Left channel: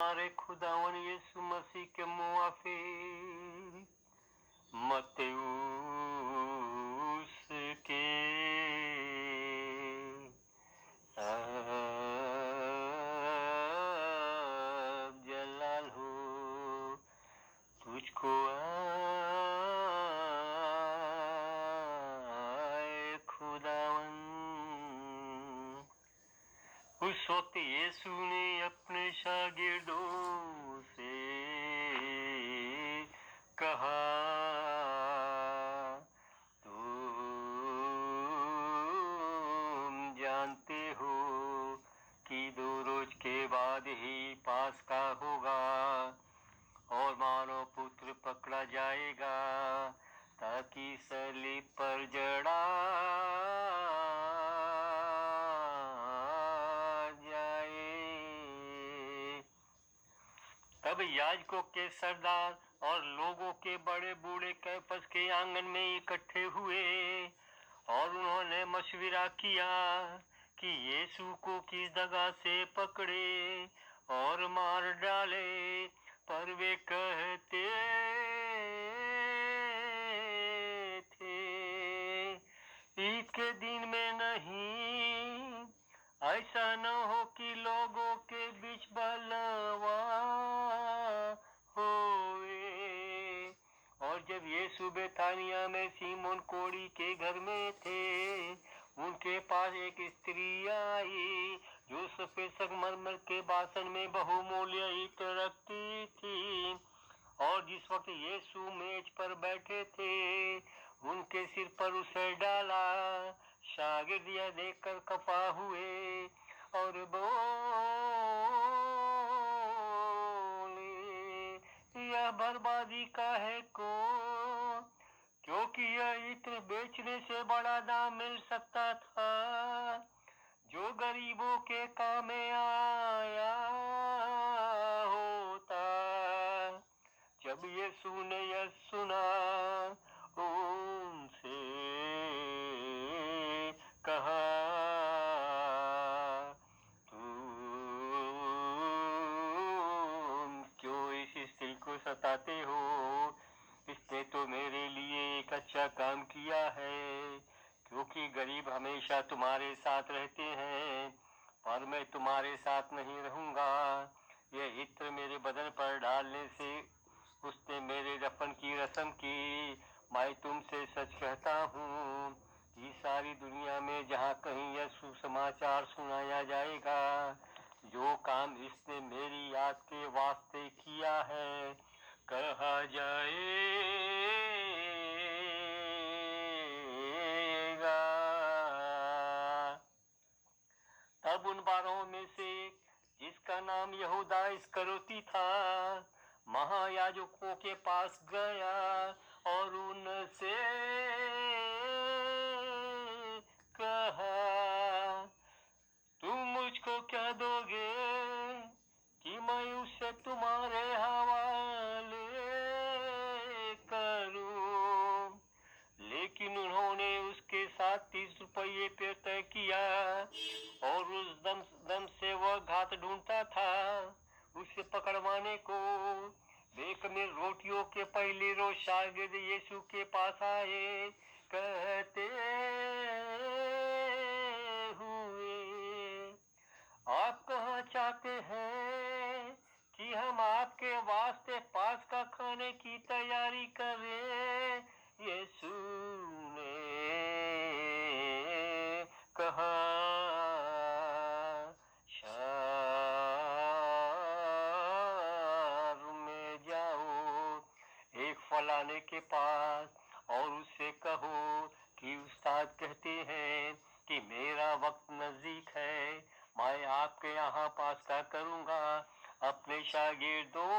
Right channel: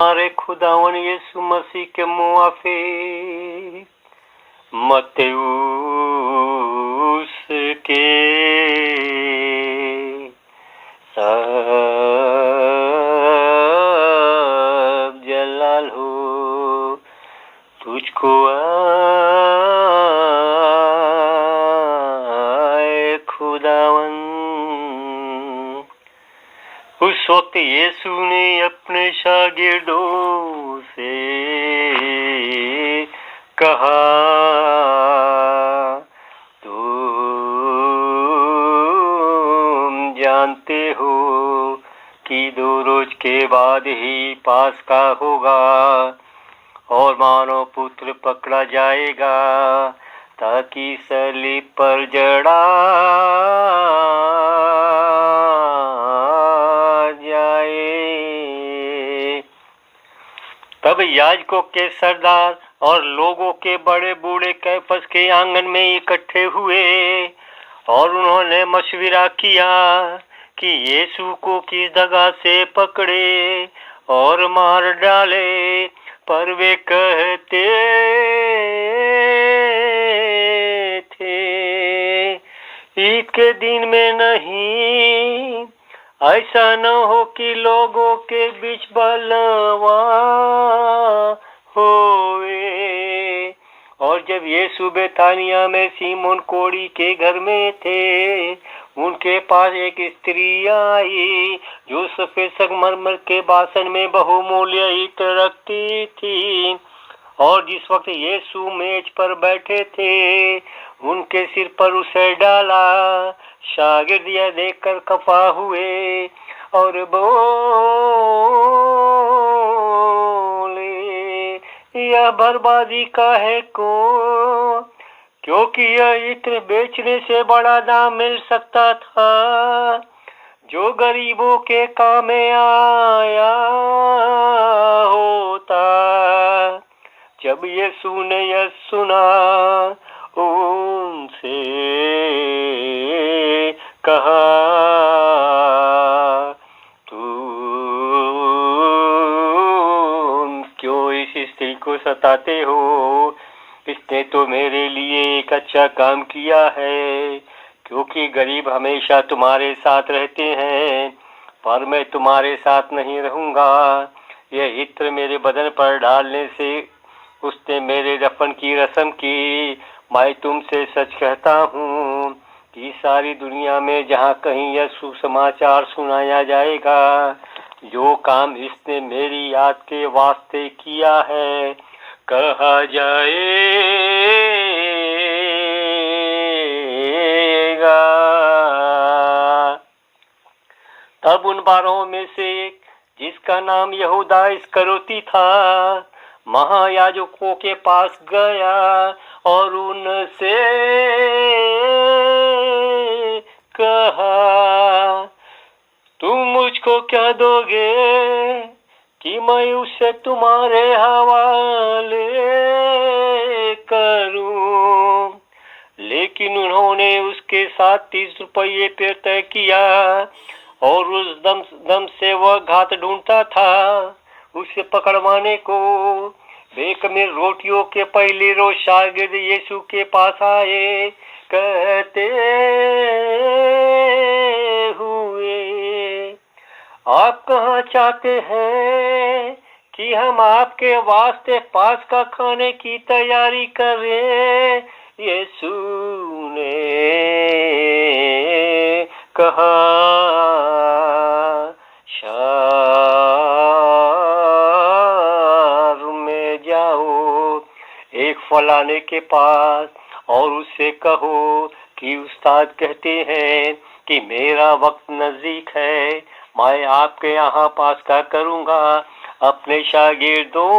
हमारे खुदावन यीशु मसीह के मुआफिक मत्यूस के सब जलाल हो तुझको आए खुदावन। उस वक्त यीशु ने अपने शागिर्दों से कहा, तुम जानते हो कि 2 रोज के बाद ही पास्का होगा और मानव पुत्र पकड़ा जाएगा ताकि सलीब पर जड़ा जाए। तब याजकों के सरदार और लोगों के बड़े बूढ़े कैफस के आंगन में इकट्ठे हुए और उन्होंने मशविरा किया कि यीशु को किस जगह से पकड़े और मार डाले। पर वे कहते थे, ईद के दिन में नहीं, ऐसा न हो कि लोगों के बीच बलवा होवे। और जब यीशु बेथानिया में सीमोन कोढ़ी के घर में थे, उनके पास एक स्त्री आई जो सफेद संगमरमर के बासन में बहुमूल्य ईंट रखती थी। और जिस वक्त यीशु मेज पर बैठे थे, उनके सिर पर उसे डाला। शागिर्द यह देखकर खफा हुए और बोले, यह बर्बादी का है को, क्योंकि यह इत्र बेचने से बड़ा दाम मिल सकता था जो गरीबों के काम में आया होता। जब यीशु ने यह सुना, उनसे कहा, तुम क्यों इस स्त्री को सताते हो? इसने तो मेरे लिए एक अच्छा काम किया है, क्योंकि गरीब हमेशा तुम्हारे साथ रहते हैं, पर मैं तुम्हारे साथ नहीं रहूंगा। यह इत्र मेरे बदन पर डालने से उसने मेरे दफन की रस्म की। मैं तुमसे सच कहता हूँ कि सारी दुनिया में जहाँ कहीं यह सुसमाचार सुनाया जाएगा, जो काम इसने मेरी याद के वास्ते किया है, कहा जाएगा। तब उन 12 में से एक, जिसका नाम यहूदा इस्करियोती था, महायाजकों के पास गया और उनसे कहा, तुम मुझको क्या दोगे कि मैं उसे तुम्हारे हवाले करूं? लेकिन उन्होंने उसके साथ 30 रुपये पे तय किया और उस दम से वह घात ढूंढता था उसे पकड़वाने को। बेखमीर रोटियों के पहले रोज शागिर्द यीशु के पास आए, कहते हुए, आप कहाँ चाहते हैं कि हम आपके वास्ते पास्का खाने की तैयारी करें? यीशु ने कहा, शहर में जाओ एक फलाने के पास और उससे कहो कि उस्ताद कहते हैं कि मेरा वक्त नजदीक है, मैं आपके यहाँ पास्का करूँगा अपने शागिर्दों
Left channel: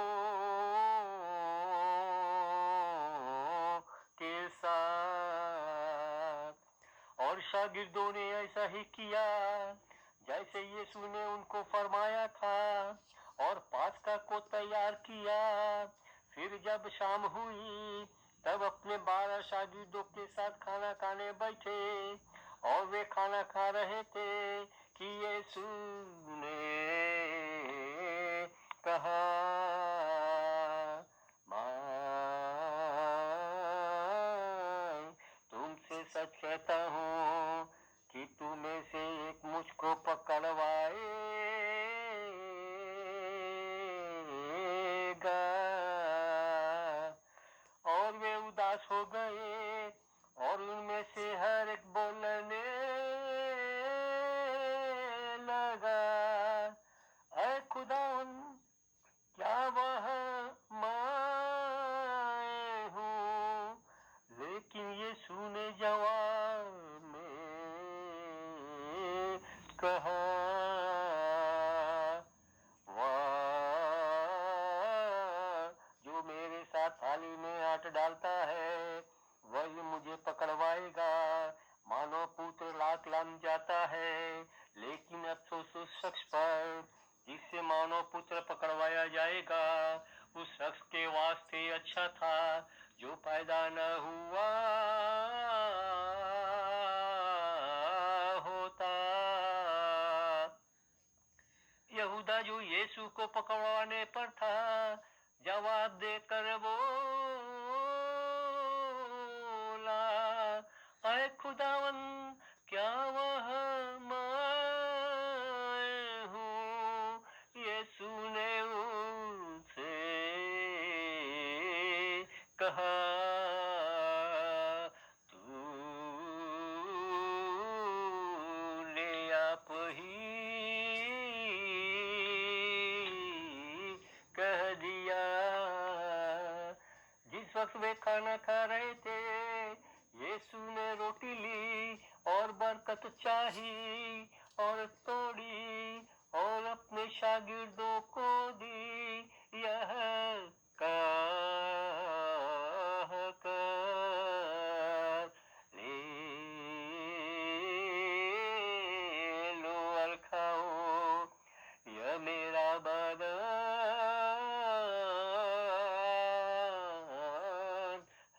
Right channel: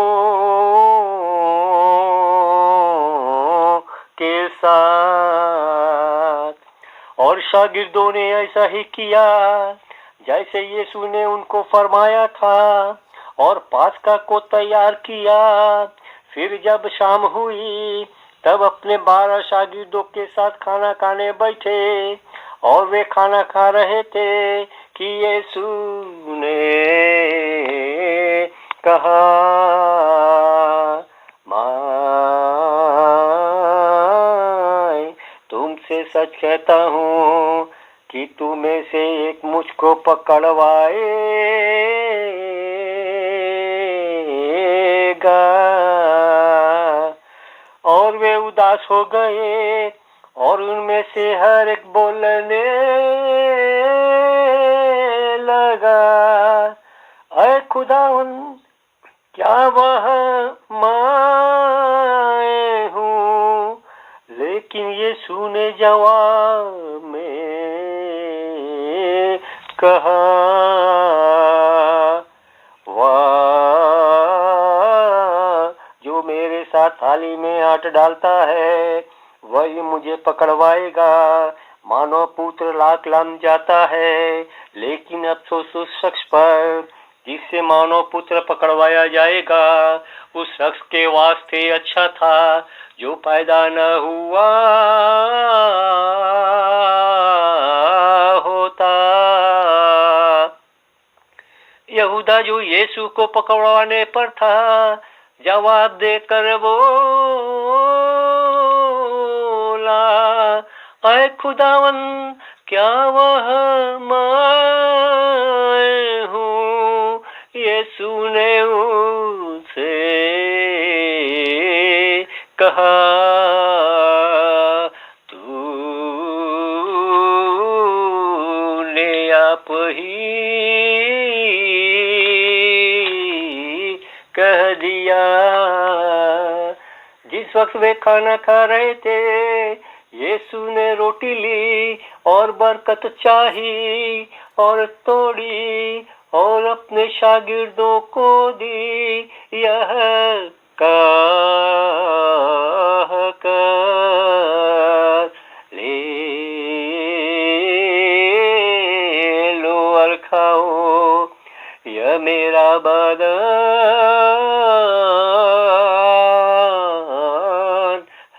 के साथ। और शागिर्दों ने ऐसा ही किया जैसे यीशु ने उनको फरमाया था और पास्का को तैयार किया। फिर जब शाम हुई तब अपने 12 शागिर्दों के साथ खाना खाने बैठे और वे खाना खा रहे थे कि यीशु ने कहा, मैं तुमसे सच कहता हूँ कि तुम्हें से एक मुझको पकड़वाएगा। और वे उदास हो गए और उनमें से हर एक बोलने लगा, ऐ खुदावन, क्या वह मैं हूँ? लेकिन यीशु ने जवाब में कहा, वाह, जो मेरे साथ थाली में हाथ डालता है वही मुझे पकड़वाएगा। मानव पुत्र लाख लम जाता है, लेकिन अफसोस उस शख्स पर जिससे मानव पुत्र पकड़वाया जाएगा। उस शख्स के वास्ते अच्छा था जो पैदा न हुआ होता। यहूदा जो यीशु को पकड़वाने पर था, जवाब देकर बोला, ऐ खुदावन, क्या वह मैं हूँ? यीशु ने उनसे कहा, तूने आप ही कह दिया। जिस वक्त वे खाना खा रहे थे, यीशु ने रोटी ली और बरकत चाही और तोड़ी और अपने शागिर्दों को दी, यह कह कर, ले लो और खाओ, यह मेरा बदन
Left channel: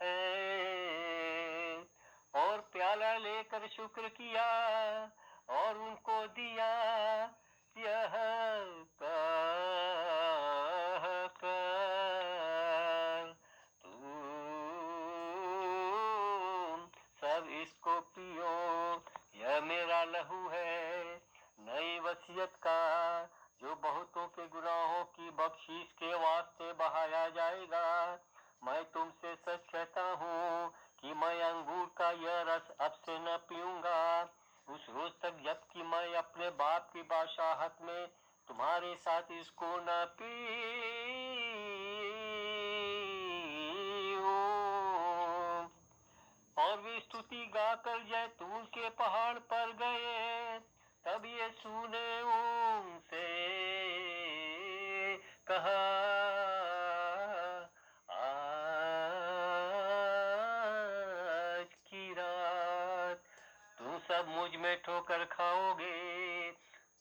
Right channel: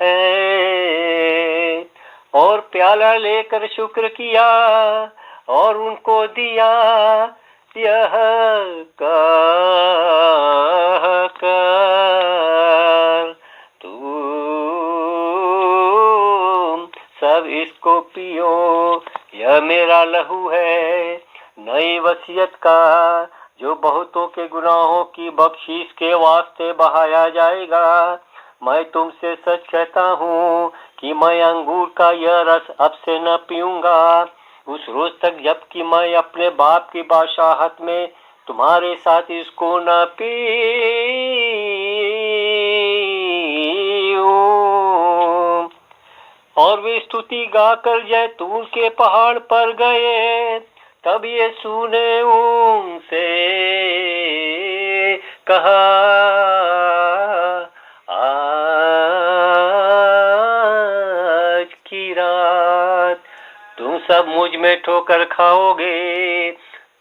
है। और प्याला लेकर शुक्र किया और उनको दिया, यह कह कर, तुम सब इसको पियो, यह मेरा लहू है, नई वसीयत का, जो बहुतों के गुनाहों की बख्शीश के वास्ते बहाया जाएगा। मैं तुमसे सच कहता हूँ कि मैं अंगूर का यह रस अब से न पीऊंगा, उस रोज तक जबकि मैं अपने बाप की बादशाहत में तुम्हारे साथ इसको न पीऊं। और वे स्तुति गाकर जैतून के पहाड़ पर गए। तब यीशु ने उनसे कहा, आज की रात तुम सब मुझ में ठोकर खाओगे,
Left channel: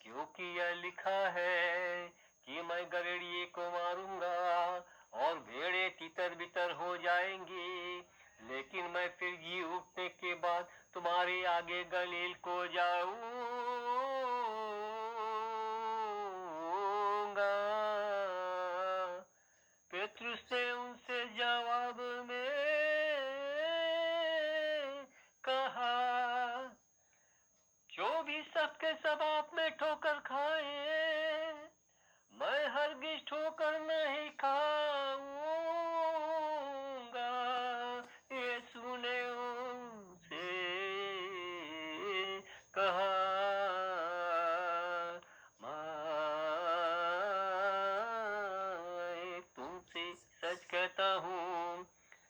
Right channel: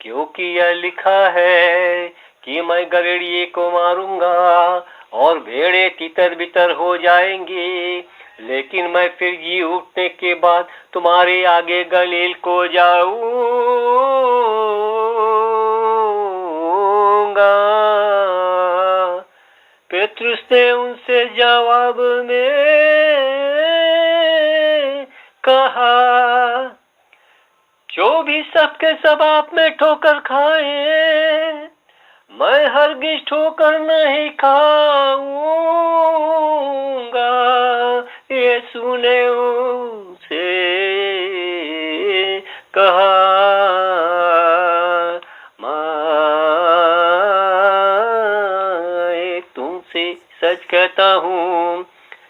क्योंकि यह लिखा है कि मैं गड़ेड़िए को मारूंगा और भेड़े तितर बितर हो जाएंगी, लेकिन मैं फिर जी उठने के बाद तुम्हारे आगे गलील को जाऊंगा। पेतरुस ने उनसे जवाब में कहा, जो भी सबके सब आप में ठोकर खाए, मैं हरगिज ठोकर नहीं खाऊंगा। यीशु ने उनसे कहा, मैं तुमसे सच कहता हूँ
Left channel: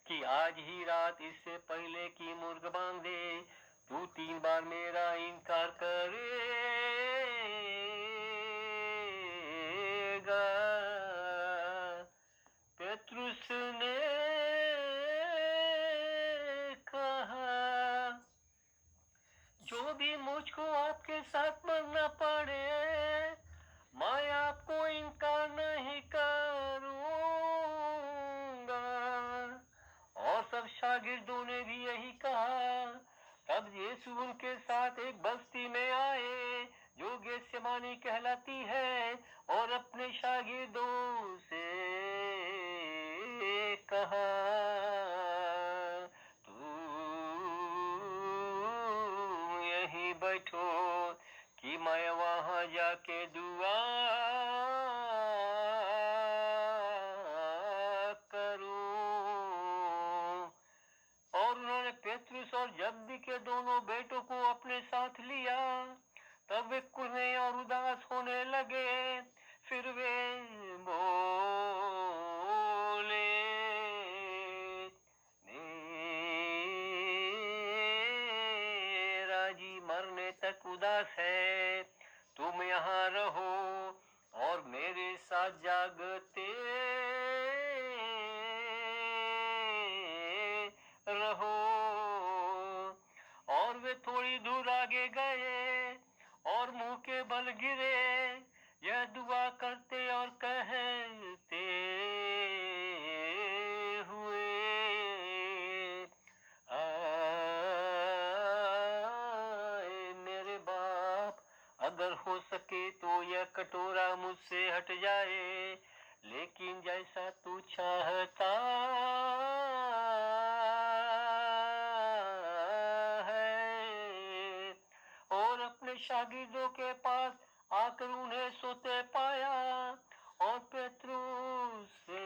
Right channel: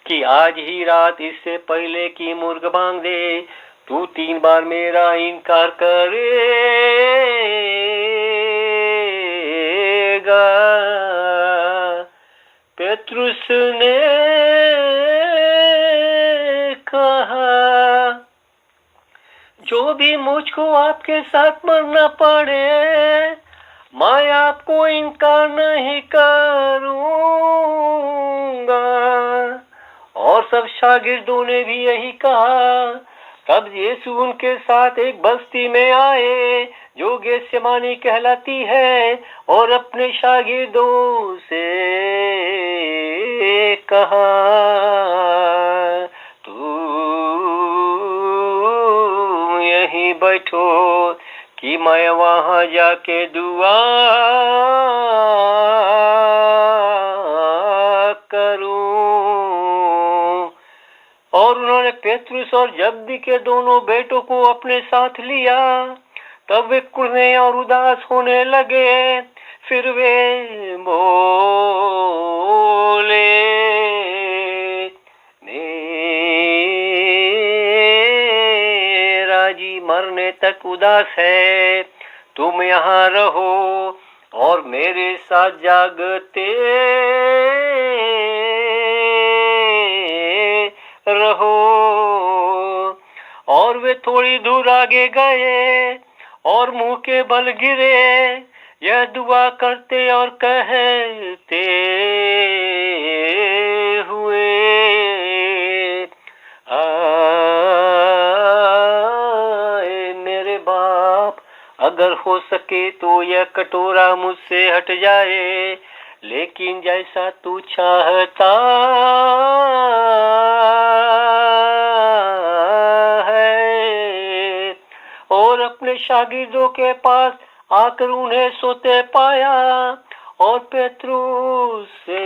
कि आज ही रात इससे पहले कि मुर्ग बांग दे, तू 3 बार मेरा इनकार करेगा। पेतरुस ने कहा, जो भी मुझको आपके साथ मरना पड़े, मैं आपको इनकार नहीं करूंगा। और सब शागिर्दों ने भी यही कहा। तब यीशु उनके साथ एक बस्ती में आए जो गेत्सेमानी कहलाती है, और अपने शागिर्दों से कहा, तुम यहीं बैठो कि मैं वहां जाके दुआ करूं। और उन्होंने पेतरुस और जब्दी के दोनों बेटों को अपने साथ लिया। तब वे कुढ़ने और उदास होने लगे। फिर वे बोले, मेरा जी मरने तक उदास है, तुम यहाँ रहो और मेरे साथ जागते रहो। और वे थोड़ी दूर आगे गए और मुंह के बल गिरे, यह दुआ करते और कहते हुए, आए मेरे बाप, अगर हो सके तो यह कटोरा मुझसे हट जाए, लेकिन जैसा तू चाहता है। और अपने शागिर्दों के पास आकर उन्हें सोते पाया और पेतरुस से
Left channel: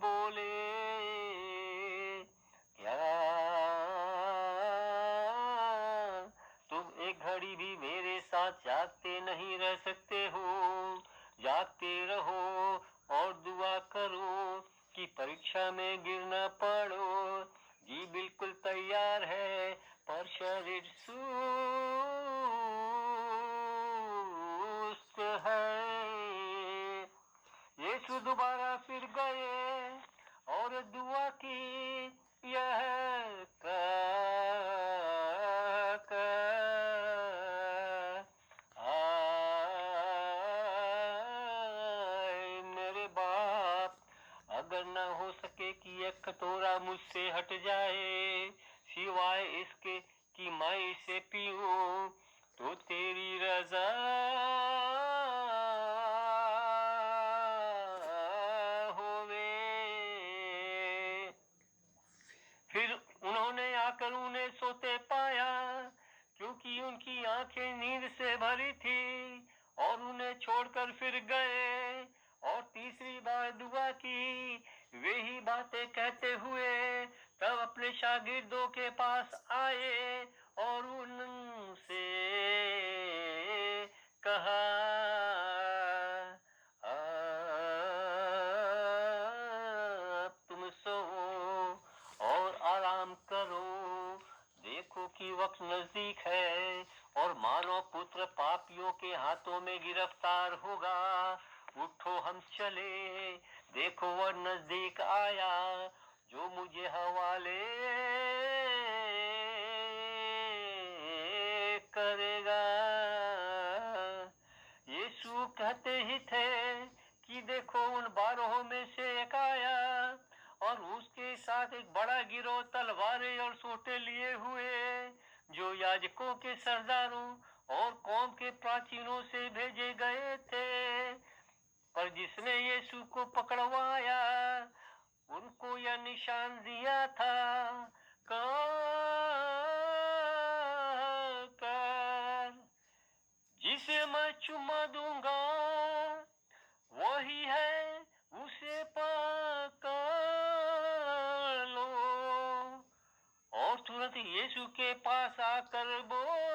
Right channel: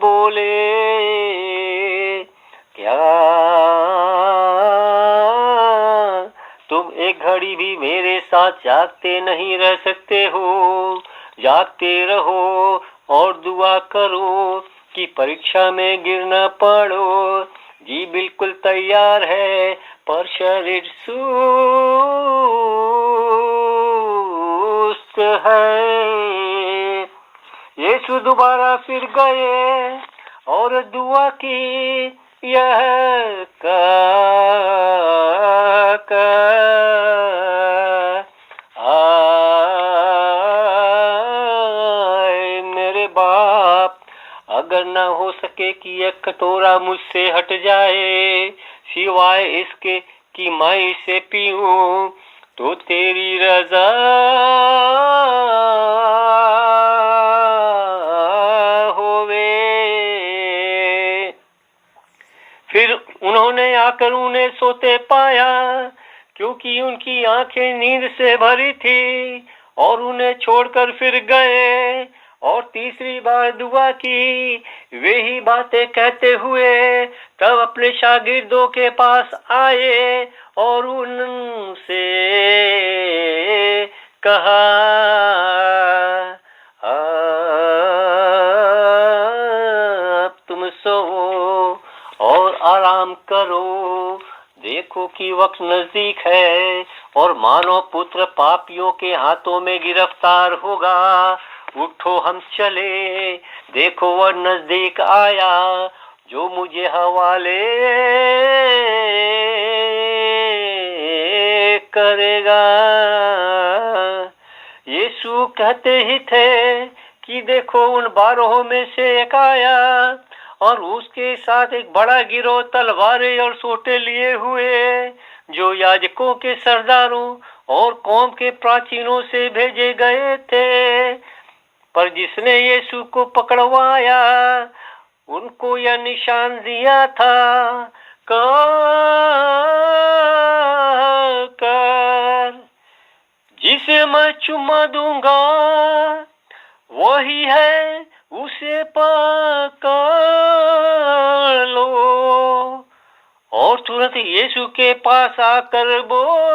बोले, क्या तुम एक घड़ी भी मेरे साथ जागते नहीं रह सकते हो? जागते रहो और दुआ करो कि परीक्षा में गिर न पड़ो। जी बिल्कुल तैयार है, पर शरीर सुस्त है। यीशु दोबारा फिर गए और दुआ की, यह आए मेरे बाप, अगर न हो सके कि यह कटोरा मुझसे हट जाए, सिवाय इसके कि मैं इसे पीऊं, तो तेरी रजा होवे। फिर उन्होंने आकर उन्हें सोते पाया, क्योंकि उनकी आंखें नींद से भरी थी, और उन्हें छोड़कर फिर गए और तीसरी बार दुआ की, वे ही बातें कहते हुए तब अपने शागिर्दों के पास आए और उनसे कहा, अब तुम सोओ और आराम करो, देखो कि वक्त नजदीक है और मानव पुत्र पापियों के हाथों में गिरफ्तार होगा। उठो हम चले, देखो वह नजदीक आया जो मुझे हवाले करेगा। यीशु कहते ही थे कि देखो उन 12 में से एक आया और उसके साथ एक बड़ा गिरोह तलवारें और सोटे लिए हुए, जो याजकों के सरदारों और कौम के प्राचीनों से भेजे गए थे। पर जिसने यीशु को पकड़वाया, उनको यह निशान दिया था, कर जिसे मैं चुम्मा दूंगा वही है, उसे पकड़ लो। और तुरंत यीशु के पास आकर बोला,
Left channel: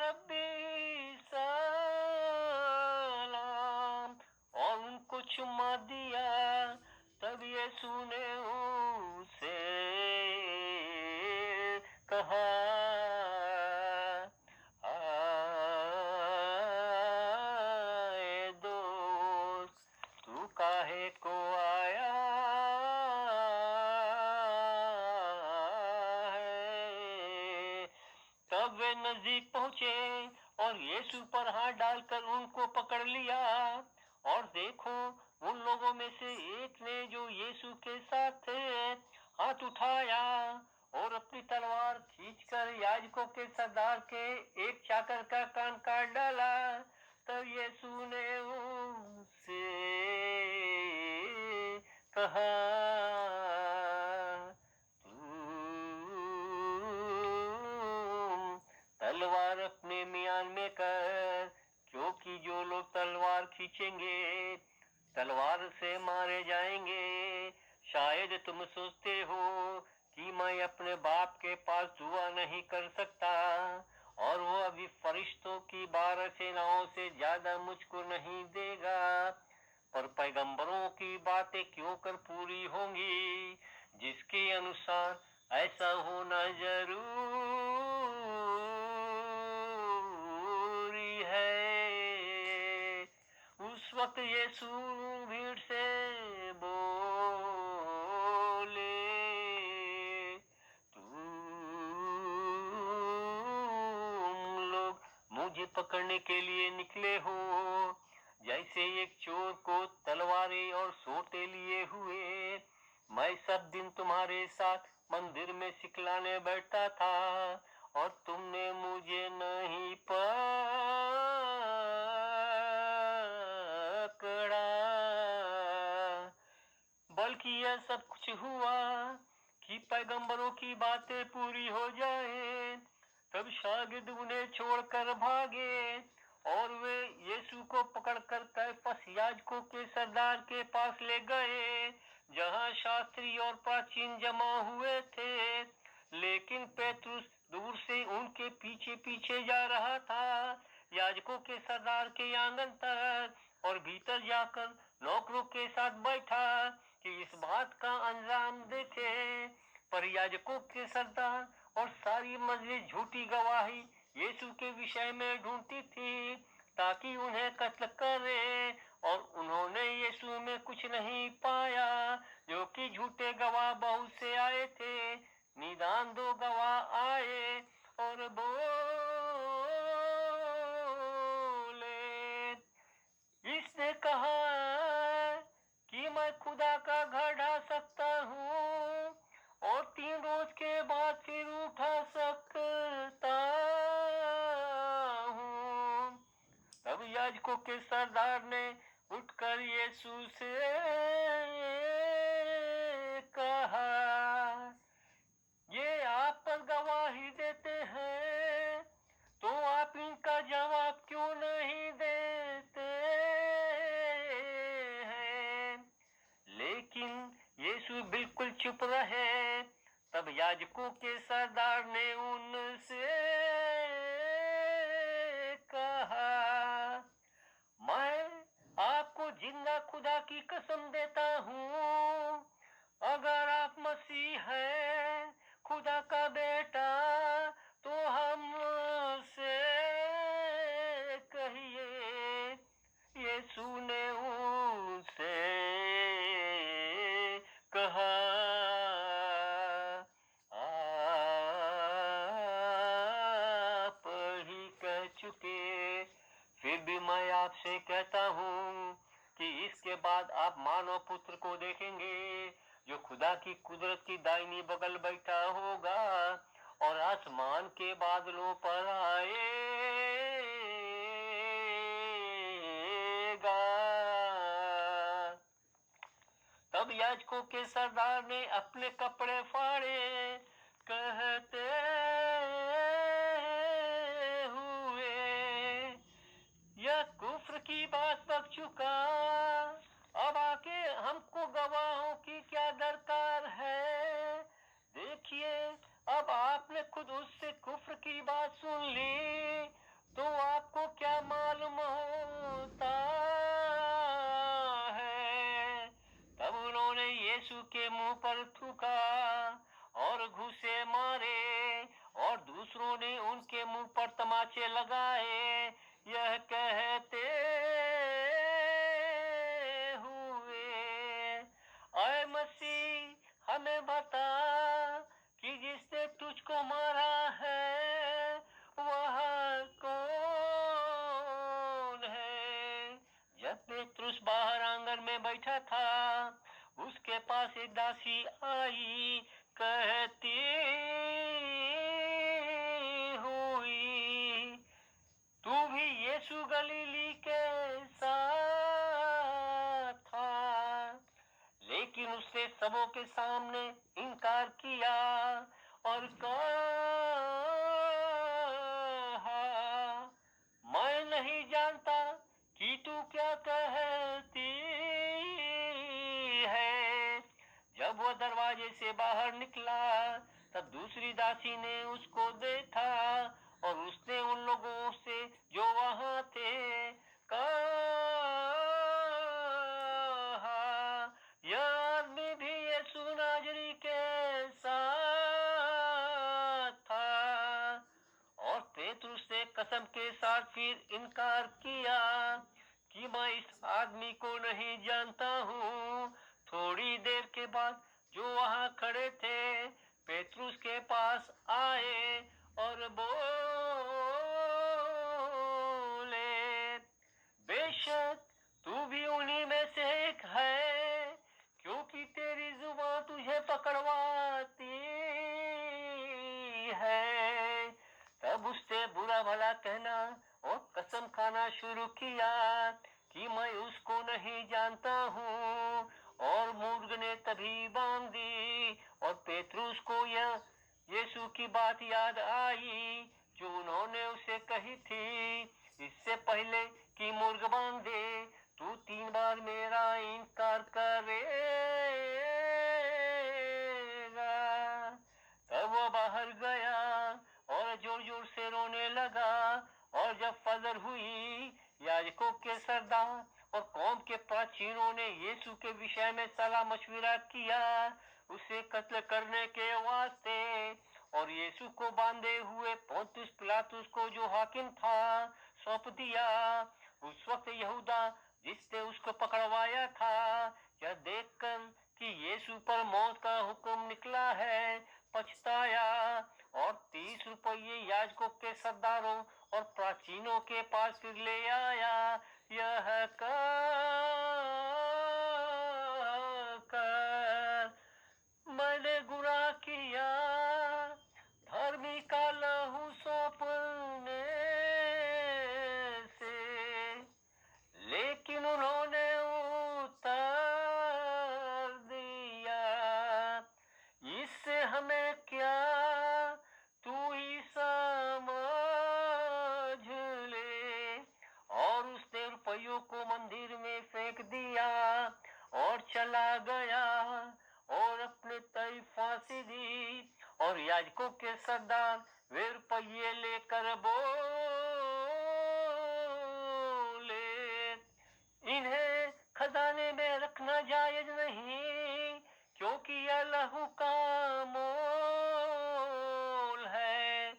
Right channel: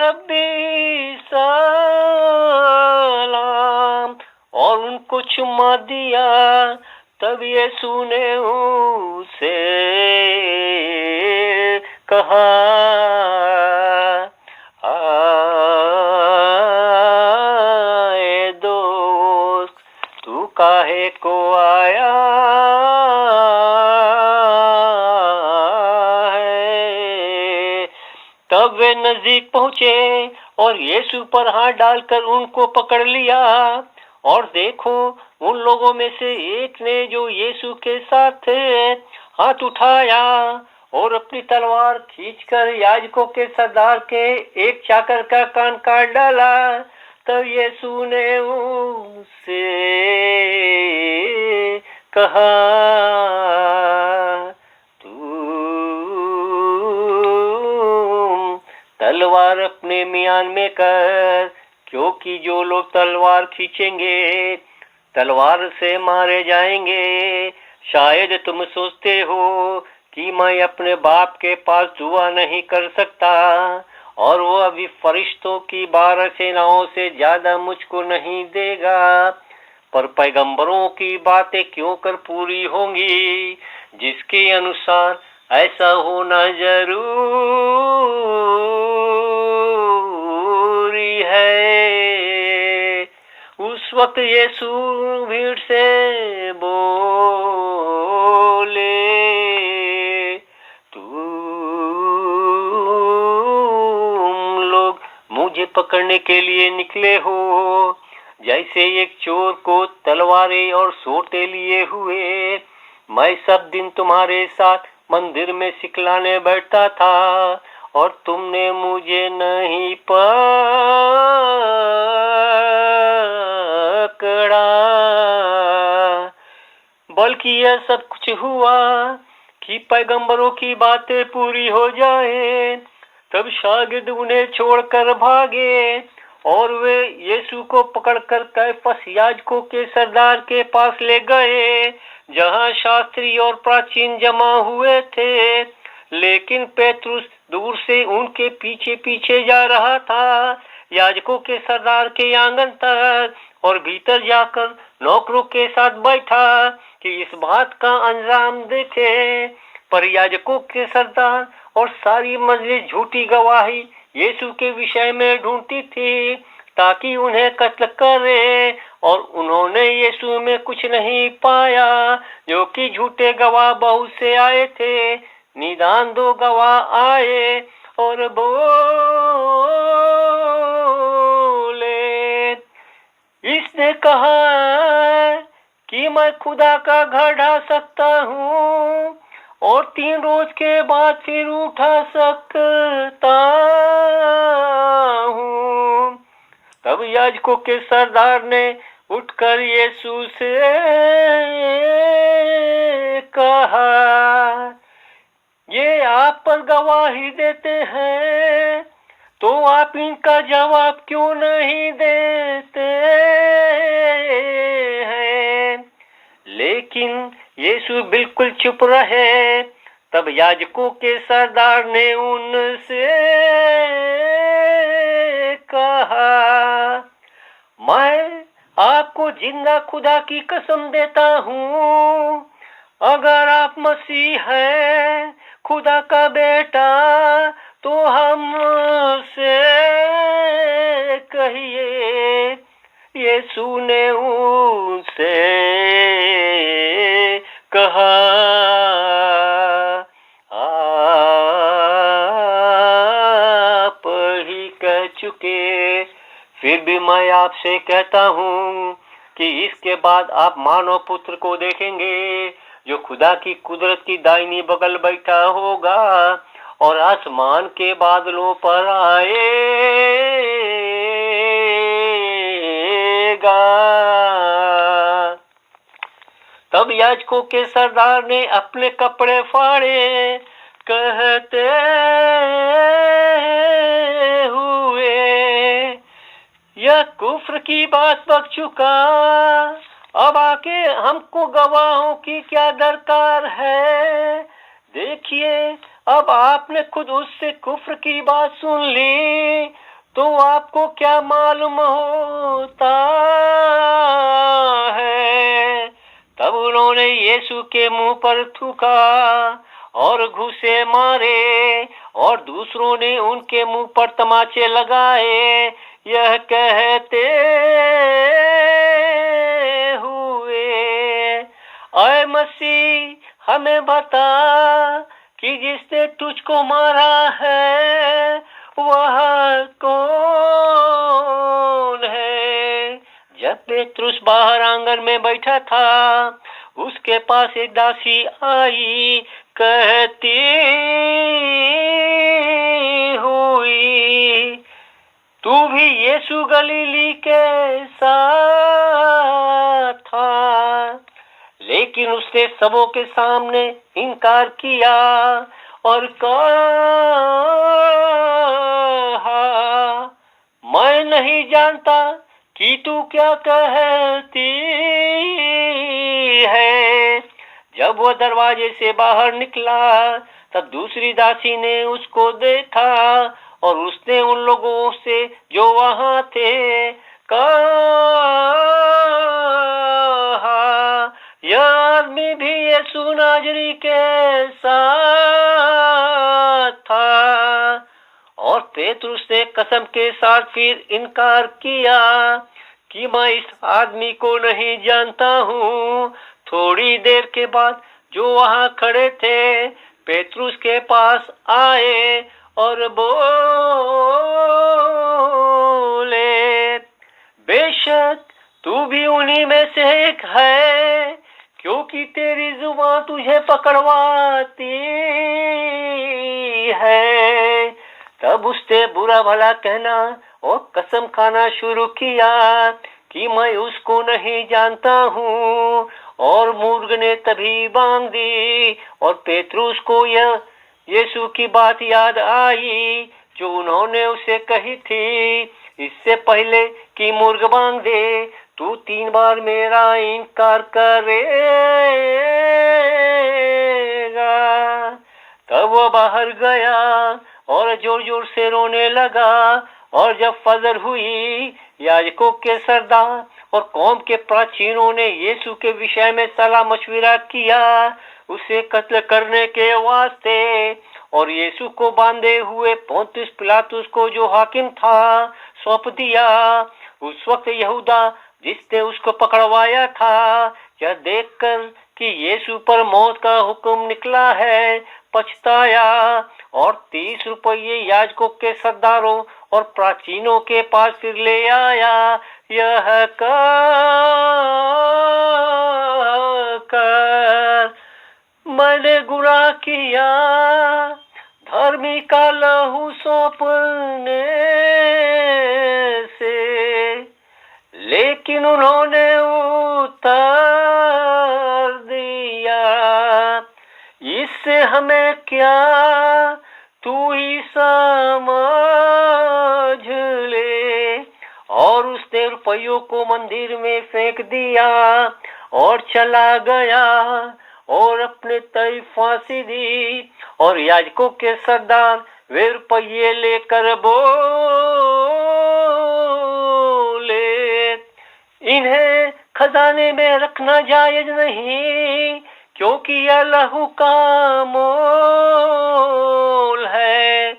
रब्बी सलाम, और उनको चुम्मा दिया। तब यीशु ने उसे कहा, आए दोस्त, तू काहे को आया है? तब वे नजदीक पहुंचे और यीशु पर हाथ डालकर उनको पकड़ लिया। और देखो, उन लोगों में से एक ने जो यीशु के साथ थे हाथ उठाया और अपनी तलवार खींचकर याजकों के सरदार के एक चाकर का कान काट डाला। तब यीशु ने उनसे कहा, तुम तलवार अपने म्यान में कर, क्योंकि जो लोग तलवार खींचेंगे तलवार से मारे जाएंगे। शायद तुम सोचते हो कि मैं अपने बाप के पास दुआ नहीं कर सकता और वो अभी फरिश्तों की 12 सेनाओं से ज्यादा मुझको नहीं देगा। पर पैगंबरों की बातें क्यों कर पूरी होंगी, जिसके अनुसार ऐसा होना जरूरी है। उस वक्त यीशु भीड़ से बोले, तुम लोग मुझे पकड़ने के लिए निकले हो, जैसे एक चोर को तलवारें और सोटे लिए हुए। मैं सब दिन तुम्हारे साथ मंदिर में सिखलाने बैठता था और तुमने मुझे नहीं पकड़ा, बल्कि यह सब कुछ हुआ कि पैगंबरों की बातें पूरी हो जाए। तब शागिर्द उन्हें छोड़कर भागे और वे यीशु को पकड़कर कैफस याजकों के सरदार के पास ले गए, जहां शास्त्री और प्राचीन जमा हुए थे। लेकिन पेतरुस दूर से उनके पीछे पीछे जा रहा था, याजकों के सरदार के आंगन तक, और भीतर जाकर नौकरों के साथ बैठा कि इस बात का अंजाम देखे। पर याजकों के सरदार और सारी मजलिस झूठी गवाही यीशु के विषय में ढूंढती थी ताकि उन्हें कत्ल करे, और उन्होंने यीशु में कुछ नहीं पाया, जो कि झूठे गवाह बहुत से आए थे। निदान 2 गवाह आए और बोले, इसने कहा कि मैं खुदा का घर ढा सकता हूँ और 3 रोज के बाद फिर उठा सकता हूँ। तब याजकों के सरदार ने उठकर यीशु से कहा, ये आप पर गवाही देते हैं, तो आप इनका जवाब क्यों नहीं देते हैं? लेकिन यीशु बिल्कुल चुप रहे। तब याजकों के सरदार ने उनसे कहा, मैं आपको जिंदा खुदा की कसम देता हूँ, अगर आप मसीह हैं, खुदा का बेटा, तो हमसे कहिए। यीशु ने उनसे कहा, आप ही कह चुके, फिर भी मैं आपसे कहता हूँ कि इसके बाद आप मानव पुत्र को देखेंगे, जो खुदा की कुदरत की दाहिनी बगल बैठा होगा और आसमान के बादलों पर आएगा। तब याजकों के सरदार ने अपने कपड़े फाड़े, कहते हुए, यह कुफ्र की बात बक चुका, अब आके हमको गवाहों की क्या दरकार है? देखिए, अब आपने खुद उससे कुफ्र की बात सुन ली, तो आपको क्या मालूम होता है? तब उन्होंने यीशु के मुंह पर थूका और घूंसे मारे, और दूसरों ने उनके मुंह पर तमाचे लगाए, यह कहते हुए, ऐ मसीह, हमें बता कि जिसने तुझको मारा है वह कौन है? जब पेतरुस बाहर आंगन में बैठा था, उसके पास एक दासी आई कहती हुई, तू भी यीशु गलीली के साथ था। लेकिन उसने सबों के सामने इनकार किया और कहा, मैं नहीं जानता कि तू क्या कहती है। जब वह दरवाजे से बाहर निकला तब दूसरी दासी ने उसको देखा और उसने उन लोगों से जो वहां थे कहा, यह आदमी भी यीशु नाजरी के साथ था। और पेतरुस ने कसम के साथ फिर इनकार किया कि मैं इस आदमी को नहीं जानता हूँ। थोड़ी देर के बाद जो वहां खड़े थे पेतरुस के पास आए और बोले, बेशक तू भी उन्हीं में से एक है, क्योंकि तेरी जुबान तुझे पकड़वाती है। तब उसने बुरा भला कहना और कसम खाना शुरू किया कि मैं उसको नहीं जानता हूँ। और मूर्ख ने तभी बांग दी और पेतरुस को यह यीशु की बात याद आई जो उन्होंने उसे कही थी, इससे पहले कि मुर्ग बांग दे तू 3 बार मेरा इनकार करेगा। तब वह बाहर गया और जोर जोर से रोने लगा। और जब फजर हुई, याजकों के सरदार और कौम के प्राचीनों ने यीशु के विषय में सलाह मशविरा किया उसे कत्ल करने के वास्ते। और यीशु को बांधे हुए पोंतियुस पिलातुस को जो हाकिम था सौंप दिया। उस वक्त यहूदा जिसने उसको पकड़वाया था यह देखकर कि यीशु पर मौत का हुक्म निकला है पछताया और 30 रुपये याजकों के सरदारों और प्राचीनों के पास फिर ले आया। यह कर मैंने गुनाह किया, धर्मी का लहू सौंपने से। लेकिन उन्होंने उत्तर दिया, इससे हमें क्या, तू ही समझ ले। और उसने रुपयों को मंदिर में फेंक दिया और चला गया और अपने तय फांसी दी। और याजकों के सरदार वे रुपये लेकर बोले, इन्हें खजाने में रखना जायज नहीं, क्योंकि यह लहू का मोल है।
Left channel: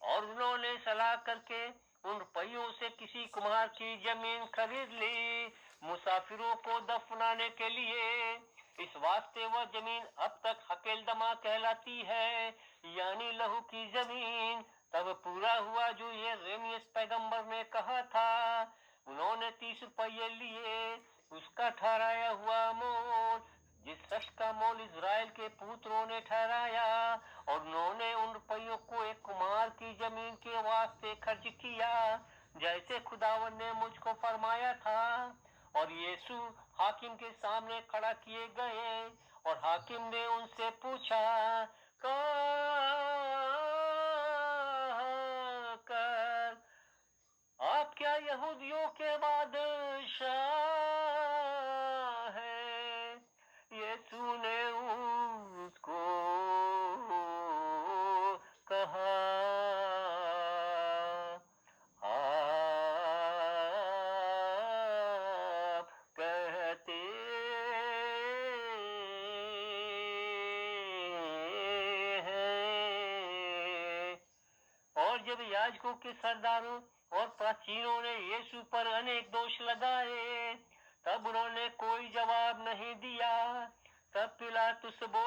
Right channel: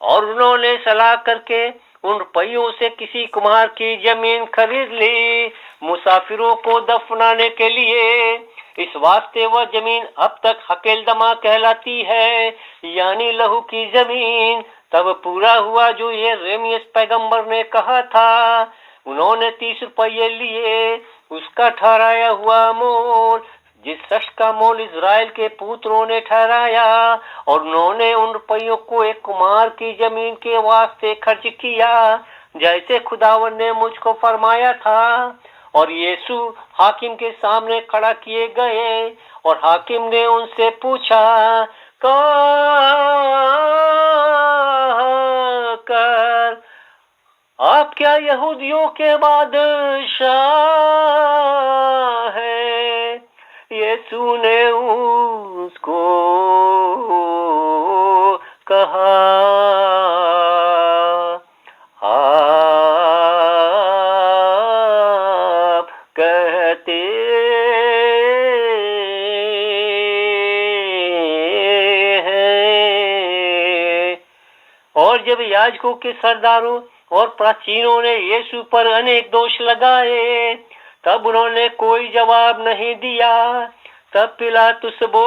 और उन्होंने सलाह करके उन रुपयों से किसी कुम्हार की जमीन खरीद ली मुसाफिरों को दफनाने के लिए। इस वास्ते वह जमीन अब तक हकेलदमा कहलाती है, यानी लहू की जमीन। तब पूरा हुआ जो ये यिर्मयाह पैगंबर ने कहा था। उन्होंने 30 रुपये लिए, उसका ठहराया हुआ मोल जिस शख्स का मोल इज़राइल के पुत्रों ने ठहराया। और उन्होंने उन रुपयों को एक कुम्हार की जमीन के वास्ते खर्च किया, जैसे खुदावन ने मुझको फरमाया था। और यीशु हाकिम के सामने खड़ा किए गए और हाकिम ने उनसे पूछा, कर आप क्या यहूदियों के बादशाह है? यीशु ने उसको कहा, आप कहते हैं। और जब याजकों के सरदारों और प्राचीनों ने यीशु पर अनेक दोष लगाए, तब उन्होंने कोई जवाब नहीं दिया। तब पिलातुस बोला,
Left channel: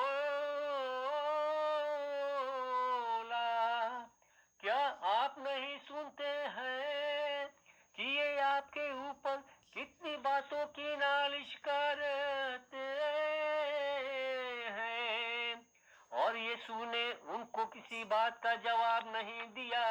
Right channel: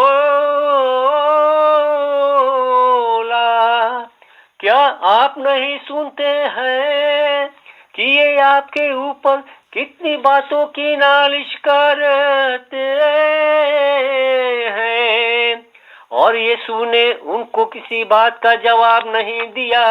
क्या आप नहीं सुनते हैं कि ये आपके ऊपर कितनी बातों की नालिश करते हैं? और यीशु ने उनको किसी बात का जवाब नहीं दिया।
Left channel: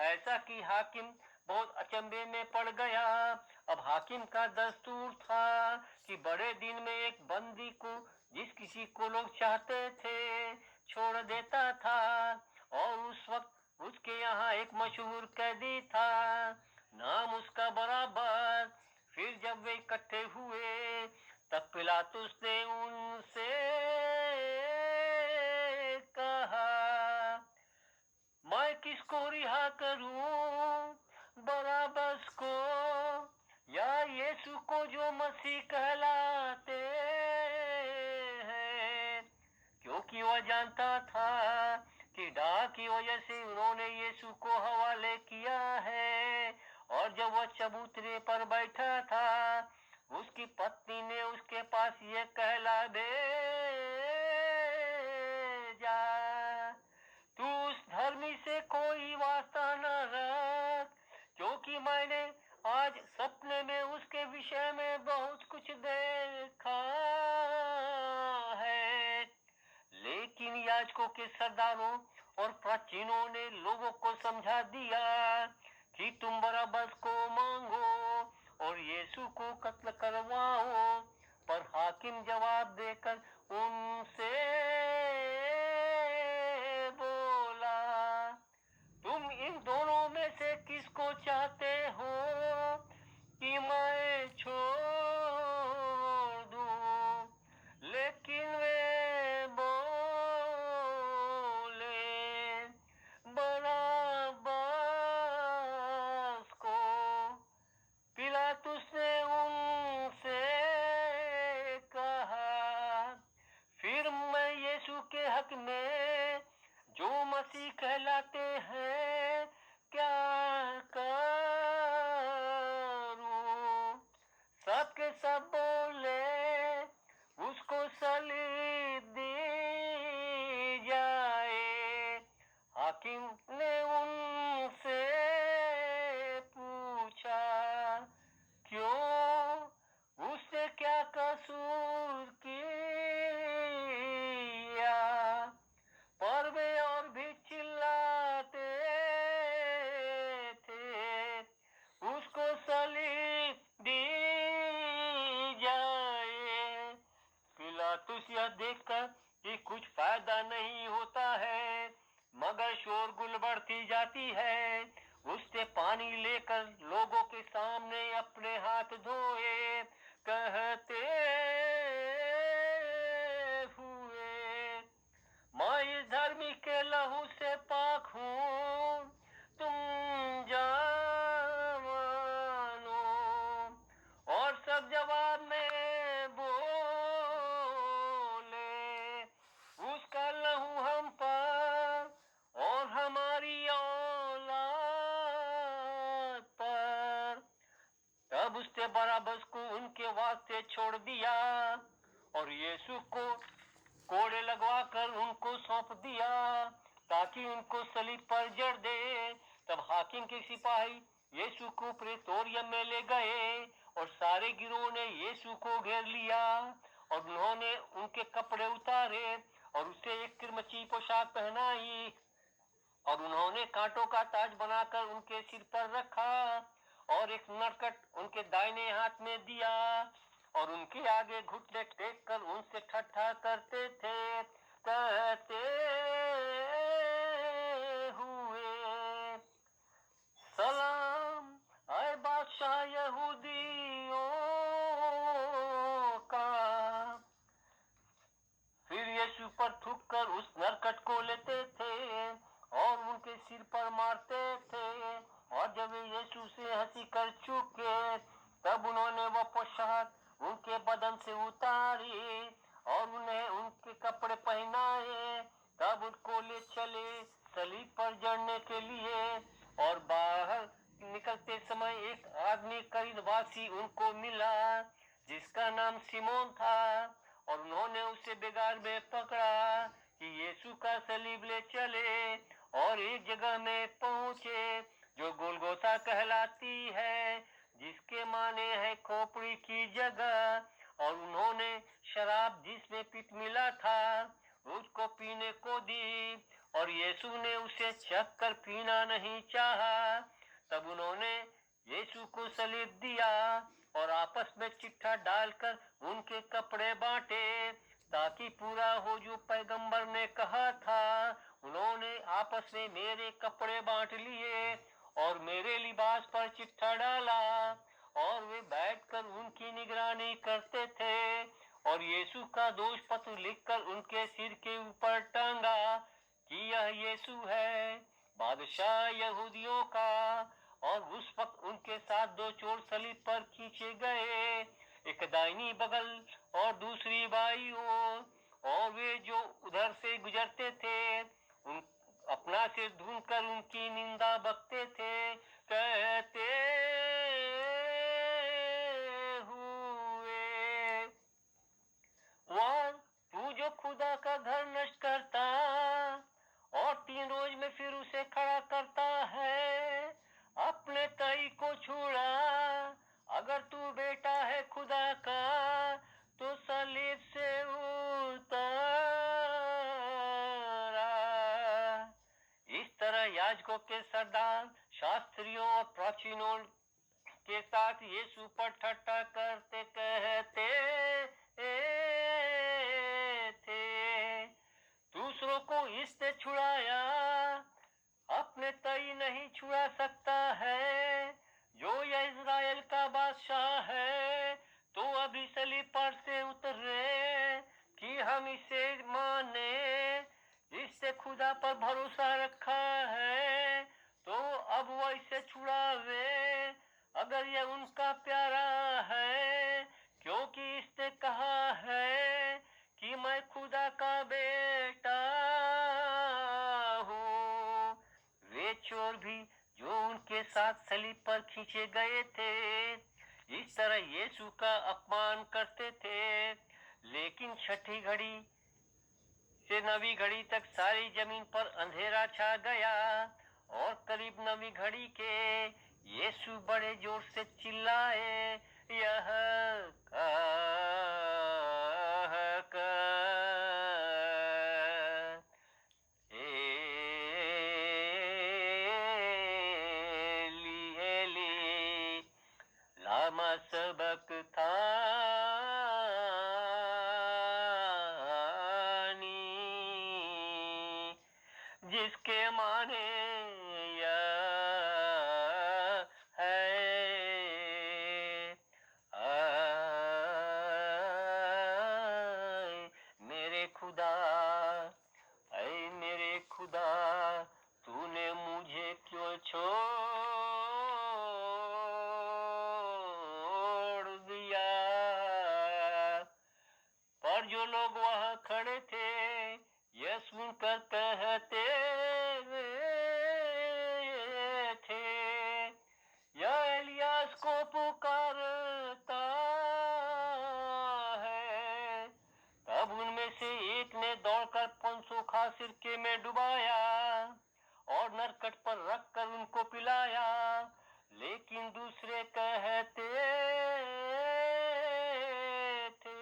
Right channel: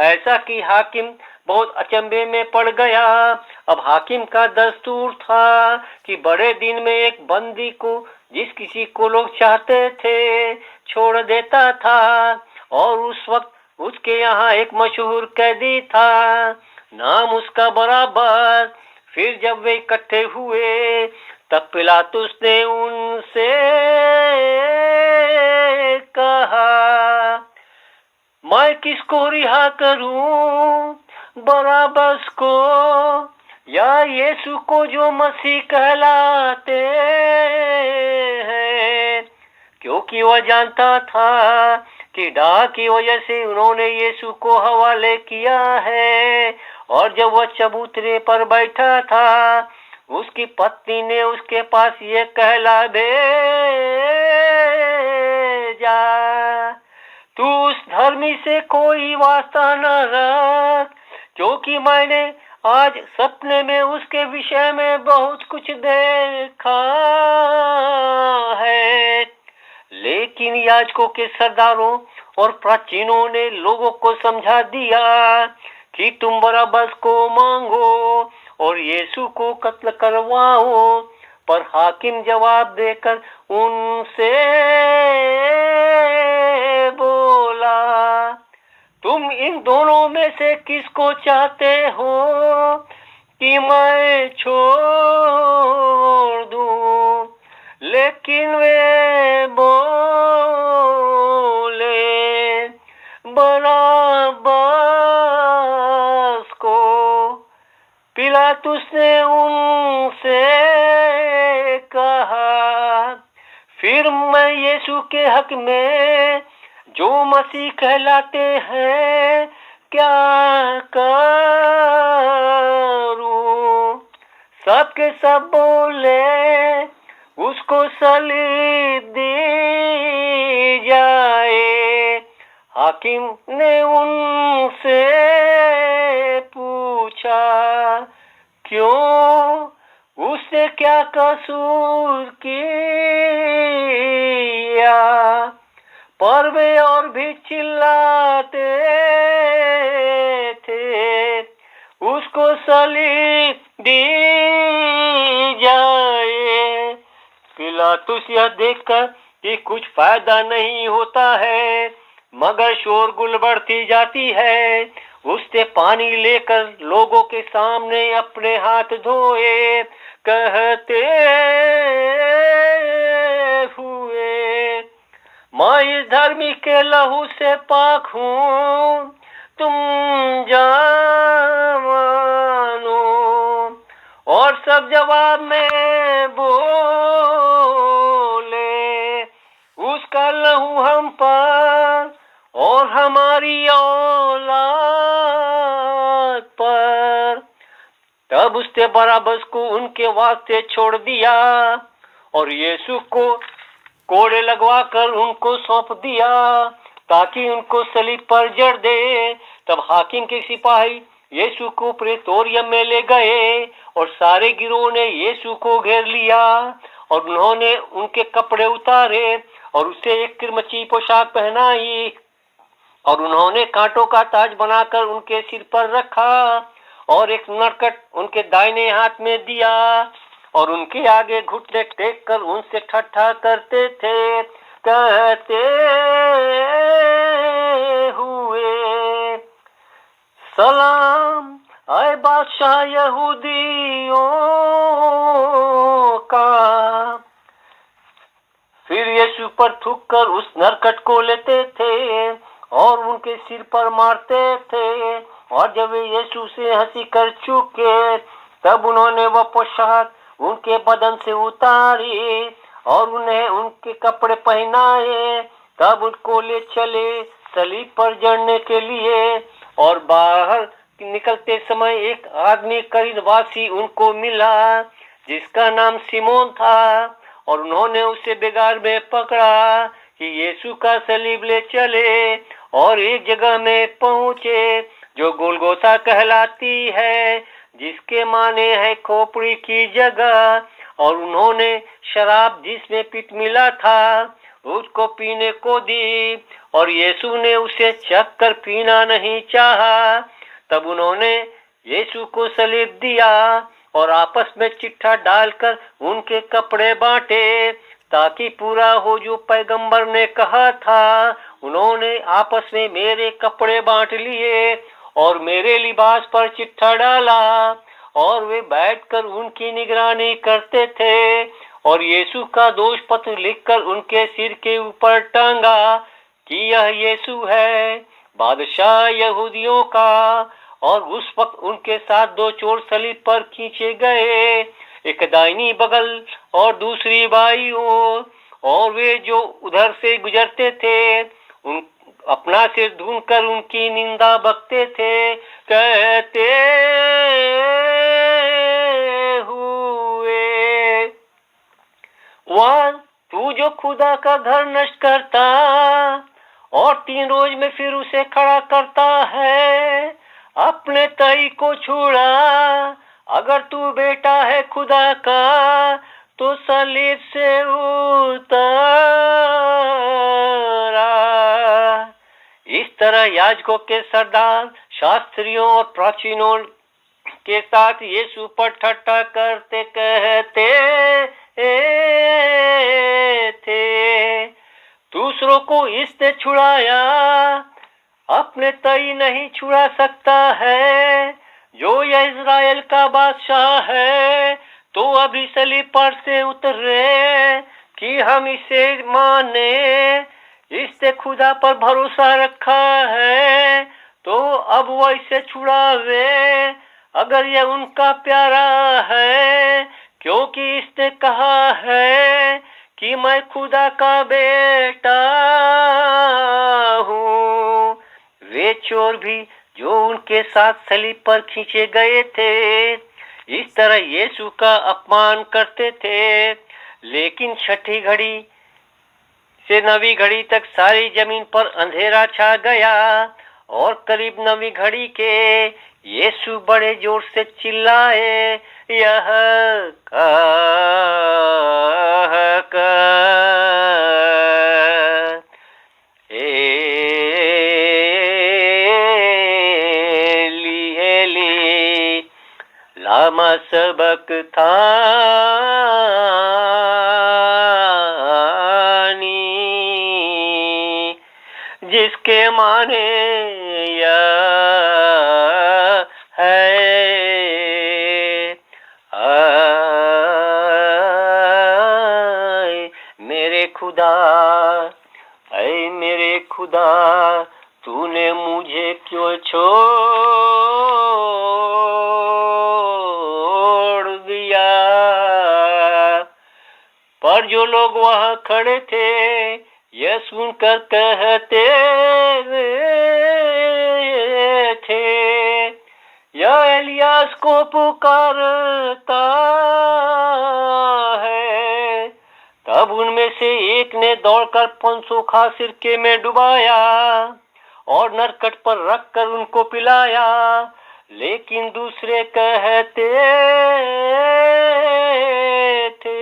ऐसा कि हाकिम बहुत अचंभे में पड़ गया। अब हाकिम का दस्तूर था कि बड़े दिन में एक बंदी को जिस किसी को लोग चाहते थे छोड़ देता था, और उस वक्त उसके यहाँ एक मशहूर कैदी था, नाम उसका बराबर। फिर जब वे इकट्ठे हुए तब पिलातुस ने उनसे कहा, मैं किसको रिहा करूं, बराबस को या यीशु को जो मसीह कहलाते हैं? क्योंकि वह जानता था कि डाह की वजह से उन्होंने यीशु को हवाले किया है। और जब वह चबूतरे पर बैठा था, उसकी पत्नी ने उसके पास ये कहला भेजा, तू उस धर्मी से कोई वास्ता न रख, क्योंकि मैंने आज सपने में उसके विषय में बहुत कुछ देखा है। लेकिन याजकों के सरदारों और प्राचीनों ने लोगों को समझा दिया कि तुम बरअब्बस को मांगो और यीशु को कत्ल करवाओ। पर हाकिम जवाब देकर उनसे बोला, तुम इन दोनों में से किसको चाहते हो कि मैं छोड़ दूं? लेकिन वे बोले, बरअब्बस को। पिलातुस ने उनसे कहा, फिर मैं यीशु के हक में जो मसीह कहलाते हैं क्या करूं? सबके सब बोले, उसको सलीब दी जाए। हाकिम ने उनसे पूछा, क्यों? उसने क्या कसूर किया? पर वे और भी चिल्लाते थे, उसको सलीब दी जाए। पिलातुस यह देखकर कि कुछ फायदा नहीं होता है मगर शोरगुल बढ़ती जाती है, उसने पानी लेकर लोगों के सामने अपने हाथ धोए, कहते हुए, मैं इस धर्मी के लहू से पाक हूं, तुम जानो। और सब जवाब में बोले, उसका लहू हम पर और हमारी औलाद पर। तब उसने बरअब्बस को उनके वास्ते छोड़ दिया और यीशु को कोड़े लगवा कर उनको सौंप दिया ताकि उनको सलीब पर जड़ दे। तब हाकिम के सिपाही यीशु को प्रेतोरियम में ले गए और सारे गिरोह ने यीशु को घेर लिया और उन्होंने उनके कपड़े उतारे और उसे एक किरमची पोशाक पहनाई और उन्होंने कांटों का ताज बनाकर उनके सिर पर रखा और एक नरकट उनके दाहिने हाथ में दिया और उनके आगे घुटने टेक कर उनसे ठट्ठा करते थे, कहते हुए, सलाम आए बादशाह यहूदियों का। फिर यीशु पर थूक कर उस नरकट को लेते थे और उनके सिर पर मारते थे, और जब वे यीशु से हंसी कर चुके तब उन्होंने वह पोशाक उनके बदन से उतारी और उन्हें उनके कपड़े पहनाए। तब उनको ले चले सलीब पर जड़ने के लिए, और बाहर निकलते समय एक आदमी करीनवासी उनको मिला जिसका नाम सिमोन था, और उन्होंने उसे बेगार में पकड़ा कि यीशु का सलीब ले चले और एक जगह में पहुंचे जो गोलगोथा कहलाती है, जिसके माने है खोपड़ी की जगह। और उन्होंने शराब जिसमें पित्त मिला था उसको पीने को दी और यीशु ने उसे चख कर पीना नहीं चाहा। तब उन्होंने यीशु को सलीब दिया और आपस में चिट्ठा डालकर उनके कपड़े बांटे, ताकि पूरा हो जो पैगंबर ने कहा था। उन्होंने आपस में मेरे कपड़े बांट लिए और मेरे लिबास पर चिट्ठा डाला, और वे बैठकर उनकी निगरानी करते थे और यीशु का दोष पत्र लिखकर उनके सिर के ऊपर टांगा कि यह यीशु है, बादशाह यहूदियों का। और उस वक्त उनके साथ दो चोर सलीब पर खींचे गए, एक दाहिनी बगल और दूसरी बाईं ओर। और वे जो उधर से गुजरते थे उन अपना सिर ढूंढकर उनकी निंदा बकते थे, कहते हुए, वह तू जो खुदा का घर नष्ट करता और 3 रोज में फिर उसे खड़ा करता है, अपने तई को छुड़ा। अगर तू बेटा है खुदा का तो सलीब से उतारा। इस तरह याजकों के सरदार, शास्त्रियों और प्राचीनों के साथ यीशु पर ठट्ठा करते कहते थे, दूसरों को इसने छुड़ाया, अपने तई नहीं छुड़ा सकता है। जो यह इज़राइल का बादशाह है तो अभी सलीब पर से उतरे कि हम इसे माने। इसने खुदा पर भरोसा रखा है तो अब वह इसे छुड़ावे, अगर यह उनका प्यारा है, क्योंकि इसने कहा है कि मैं खुदा का बेटा हूँ। वे चोर भी जो उनके साथ सलीब पर खींचे गए थे इस तरह यीशु का अपमान करते थे। लेकिन छठी घड़ी से 9वीं घड़ी तक सारी जमीन पर अंधेरा छा गया, और करीब 9वीं घड़ी के यीशु बड़े जोर से चिल्लाए, यह लामा सबक्तानी, जिसके माने यह है, आए मेरे खुदा, ऐ मेरे खुदा, तूने मुझे क्यों छोड़ दिया। पर जो लोग वहां खड़े थे यह सुनकर कहते थे, यह एलियास को पुकारता है। तब उनमें से एक ने दौड़कर 500 खा सिरके में डुबाया और नरकट पर रखकर उनको पिलाया। लेकिन दूसरे कहते थे,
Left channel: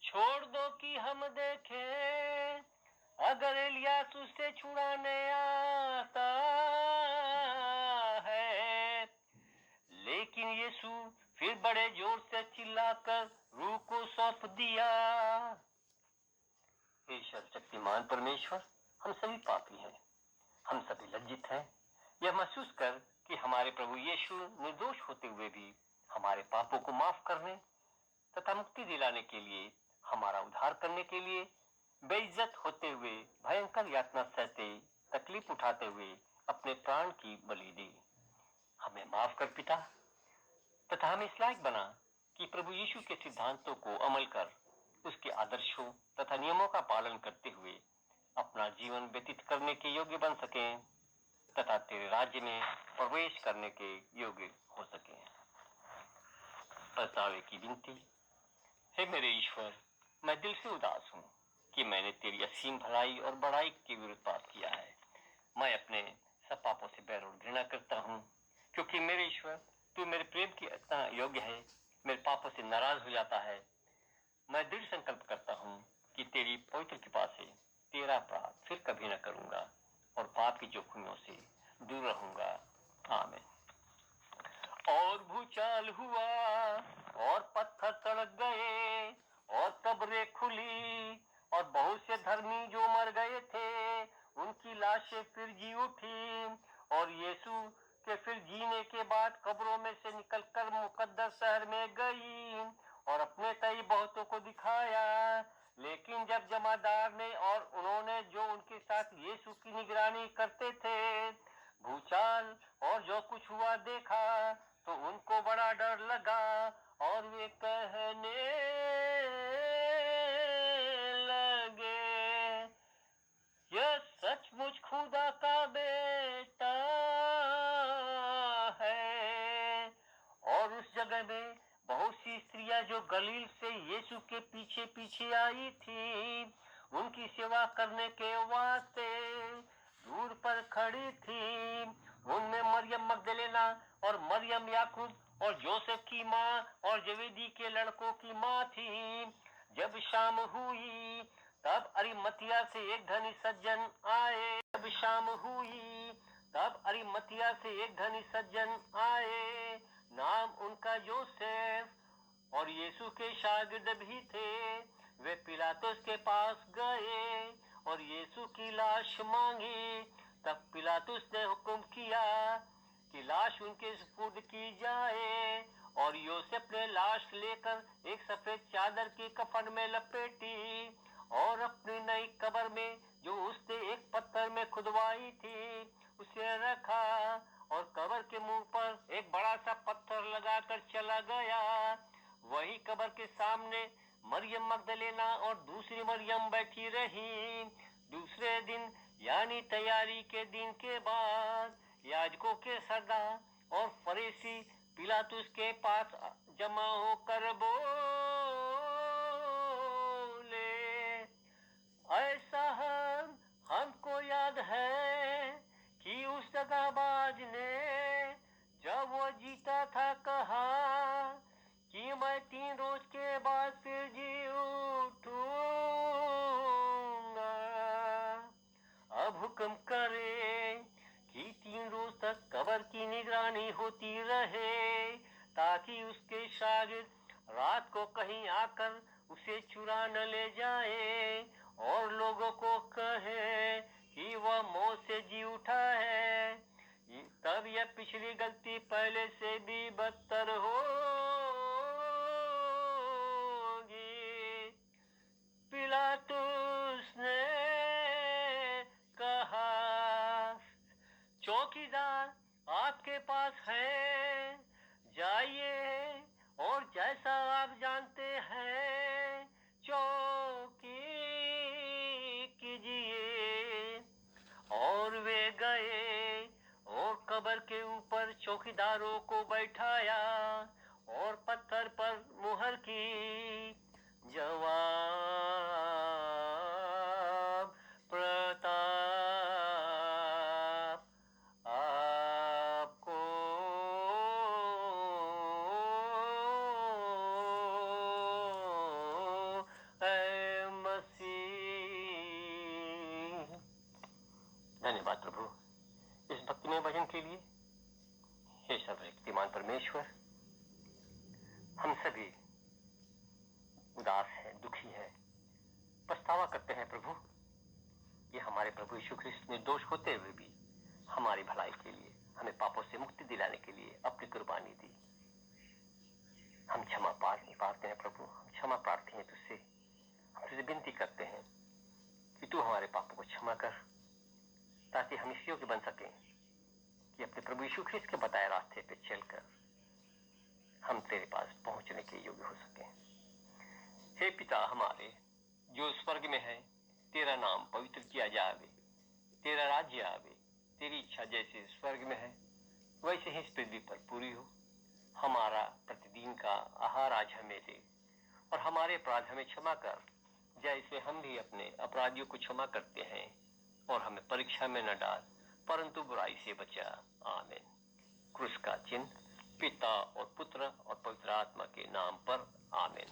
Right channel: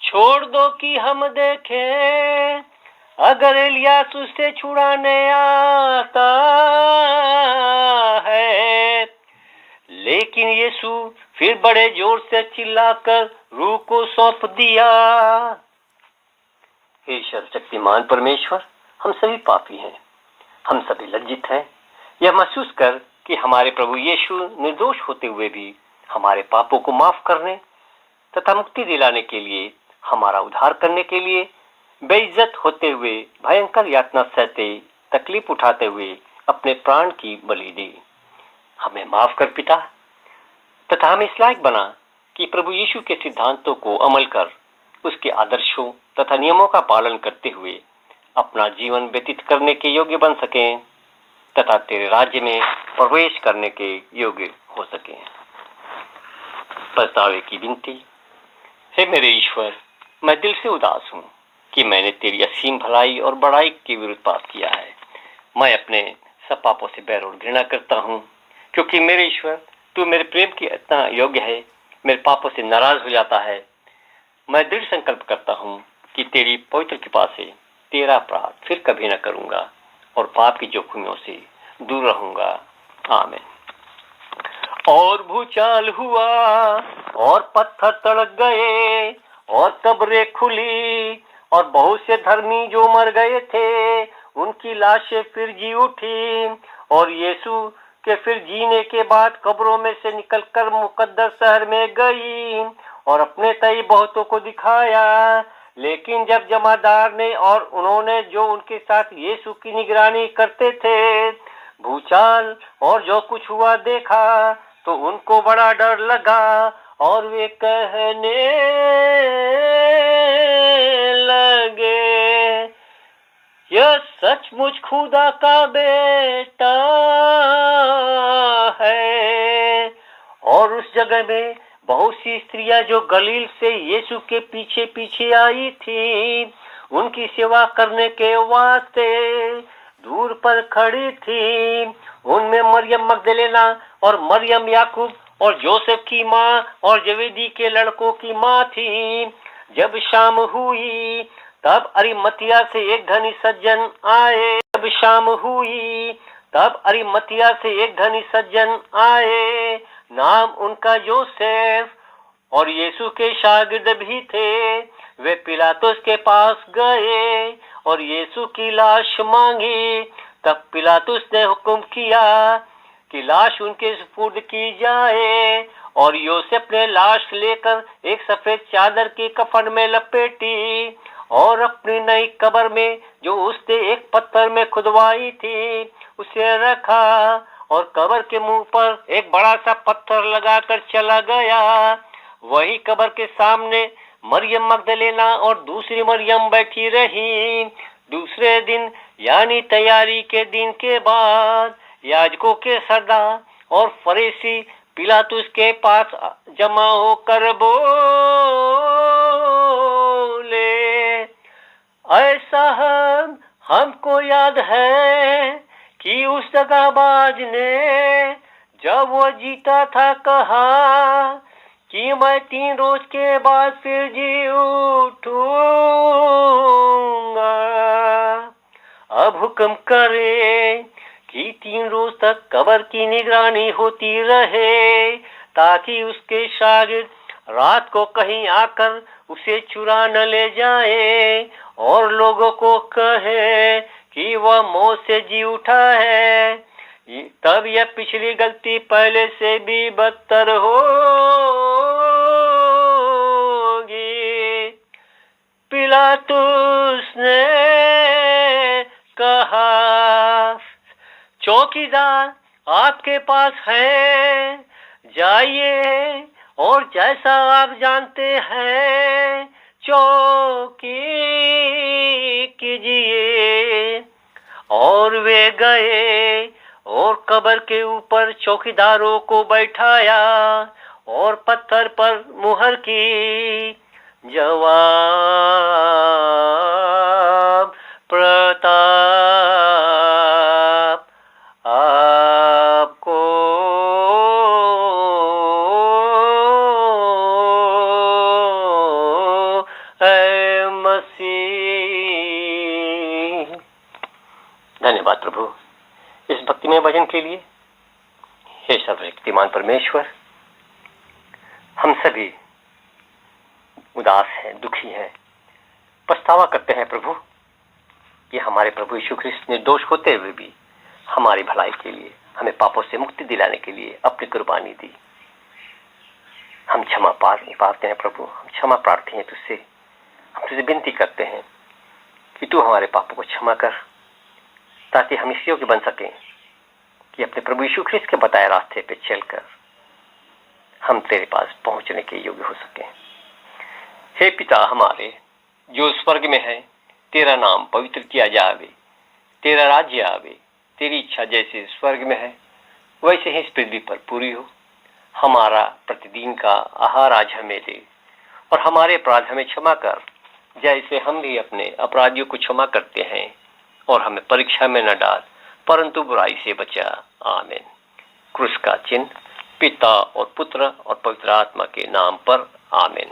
छोड़ दो कि हम देखें अगर एलियास उसे छुड़ाने आता है। लेकिन यीशु फिर बड़े जोर से चिल्लाकर रूह को सौंप दिया। हे सर्वशक्तिमान परमेश्वर, हम सभी पापी हैं, हम सभी लज्जित हैं। यह महसूस कर कि हमारे प्रभु यीशु निर्दोष होते हुए भी हमारे पापों को माफ करने तथा मुक्ति दिलाने के लिए, हमारा उद्धार करने के लिए बेइज्जत होते हुए, भयंकर यातना सहते, तकलीफ उठाते हुए अपने प्राण की बलि दी। हमें माफ कर पिता, तथा हमें इस लायक बना कि प्रभु यीशु के सिद्धांतों को अमल कर उसके आदर्शों तथा नियमों का पालन करते हुए अपना जीवन व्यतीत करने के योग्य बन सकें तथा तेरे राज्य में प्रवेश करने के योग्य हो सकें। पछतावे की विनती। हे मेरे ईश्वर, मैं दिल से उदास हूँ कि मैंने तेरी असीम भलाई और बड़ाई के विरुद्ध पाप किया है। मैं अपने सब पापों से बैर और घृणा करता हूँ, क्योंकि मेरे ईश्वर तू मेरे प्रेम की इतना योग्य है, मेरे पापों से नाराज हो जाता है। मैं दृढ़ संकल्प करता हूँ कि तेरी पवित्र कृपा से तेरा अपराध फिर कभी न करूंगा और पाप की जोखिमों से दूर रहूंगा। आमीन। और भूचाल हुआ और पत्थर तड़क गए और कब्रें खुली और बहुत से धर्मी जो मर गए थे उनकी लाशें फिर जी उठी और यीशु के फिर जीने के बाद कब्रों में से निकलकर मुकद्दस शहर में गई और अपने तई बहुतों को दिखाया। लेकिन जब जमादार ने और उन्होंने जो उनके साथ यीशु की निगरानी करते थे भूचाल और जो कुछ हुआ देखा तो उनको बड़ा डर लगा और वे कहने लगे, यह सचमुच खुदा का बेटा है। और उस जगह में बहुत सी स्त्रियां जो गलील से यीशु के पीछे पीछे आई थी उनकी सेवा करने के वास्ते दूर पर खड़ी थी। उनमें मरियम मगदलेना और मरियम याकूब और जोसेफ की माँ और जवेदी के लड़कों की माँ थी। जब शाम हुई तब अरिमतिया से एक धनी सज्जन आए। जब शाम हुई तब अरिमतिया से एक धनी सज्जन आए, नाम उनका जोसेफ, और यीशु के शागिर्द भी थे। वे पिलातुस के पास गए और यीशु की लाश मांगी। तब पिलातुस ने हुक्म किया कि लाश उनके सुपुर्द की जाए और योसेफ ने लाश लेकर एक सफेद चादर की कफन में लपेटी और अपनी नई कब्र में जो उसने एक पत्थर में खुदवाई थी उसे रखा और कब्र के मुंह पर एक बड़ा सा पत्थर लगाकर चला गया। वही कब्र के सामने मरियम मगदलेना और दूसरी मरियम बैठी रही। दूसरे दिन यानी तैयारी के दिन के बाद याजकों के सरदार और फरीसी पिलातुस के पास जमा होकर बोले, ऐसा हमको याद है कि उस दगाबाज ने जब वो जीता था कहा कि मैं 3 रोज के बाद फिर जी उठूंगा। अब हुक्म करे कि 3 रोज तक कब्र की निगरानी होती रहे ताकि उसके शागिर्द रात को कहीं आकर उसे चुरा न ले जाए और लोगों को कहे कि वह मौत से जी उठा है। तब यह पिछली गलती पहले से भी बदतर होगी। पिलातुस ने कहा, चौकीदार आपके पास है, जाइए और जैसा आप जानते हैं चौकी कीजिए। और वे गए और कब्र के ऊपर चौकीदारों को बैठाया और पत्थर पर मुहर की। जवाब प्रताप आपको ऐ मसीह। धन्यवाद प्रभु इस भक्तिमय भजन के लिए। हे सर्वशक्तिमान परमेश्वर, हम सभी उदास हैं, दुखी हैं, पछतावा करते हैं प्रभु। ये हमारे प्रभु यीशु ख्रिस्त निर्दोष होते हुए भी हमारी भलाई के लिए, हमें पापों से मुक्ति दिलाने के लिए अपनी कुर्बानी दी। हम क्षमा पाते हैं प्रभु, हम क्षमा प्रार्थी हैं तुझसे। हम तुझसे विनती करते हैं कि तू हमारे पापों को क्षमा कर ताकि हम इस योग्य बन सकें कि अपने प्रभु यीशु ख्रिस्त के बताए रास्ते पे चलकर हम तेरे पास पहुंचने के योग्य हो सकें। हे पिता हमारे जो स्वर्ग में है, तेरा नाम पवित्र किया जावे, तेरा राज्य आवे, तेरी इच्छा जैसे स्वर्ग में है वैसे ही इस पृथ्वी पर पूरी हो। हमारा प्रतिदिन का आहार आज हमें दे और हमारे अपराध हमें क्षमा कर जैसे हम भी अपने अपराधियों को क्षमा करते हैं, और हमें परीक्षा में न डाल परंतु बुराई से बचा। आमीन। क्रूस का चिन्ह पिता और पुत्र और पवित्र आत्मा के नाम पर। आमीन।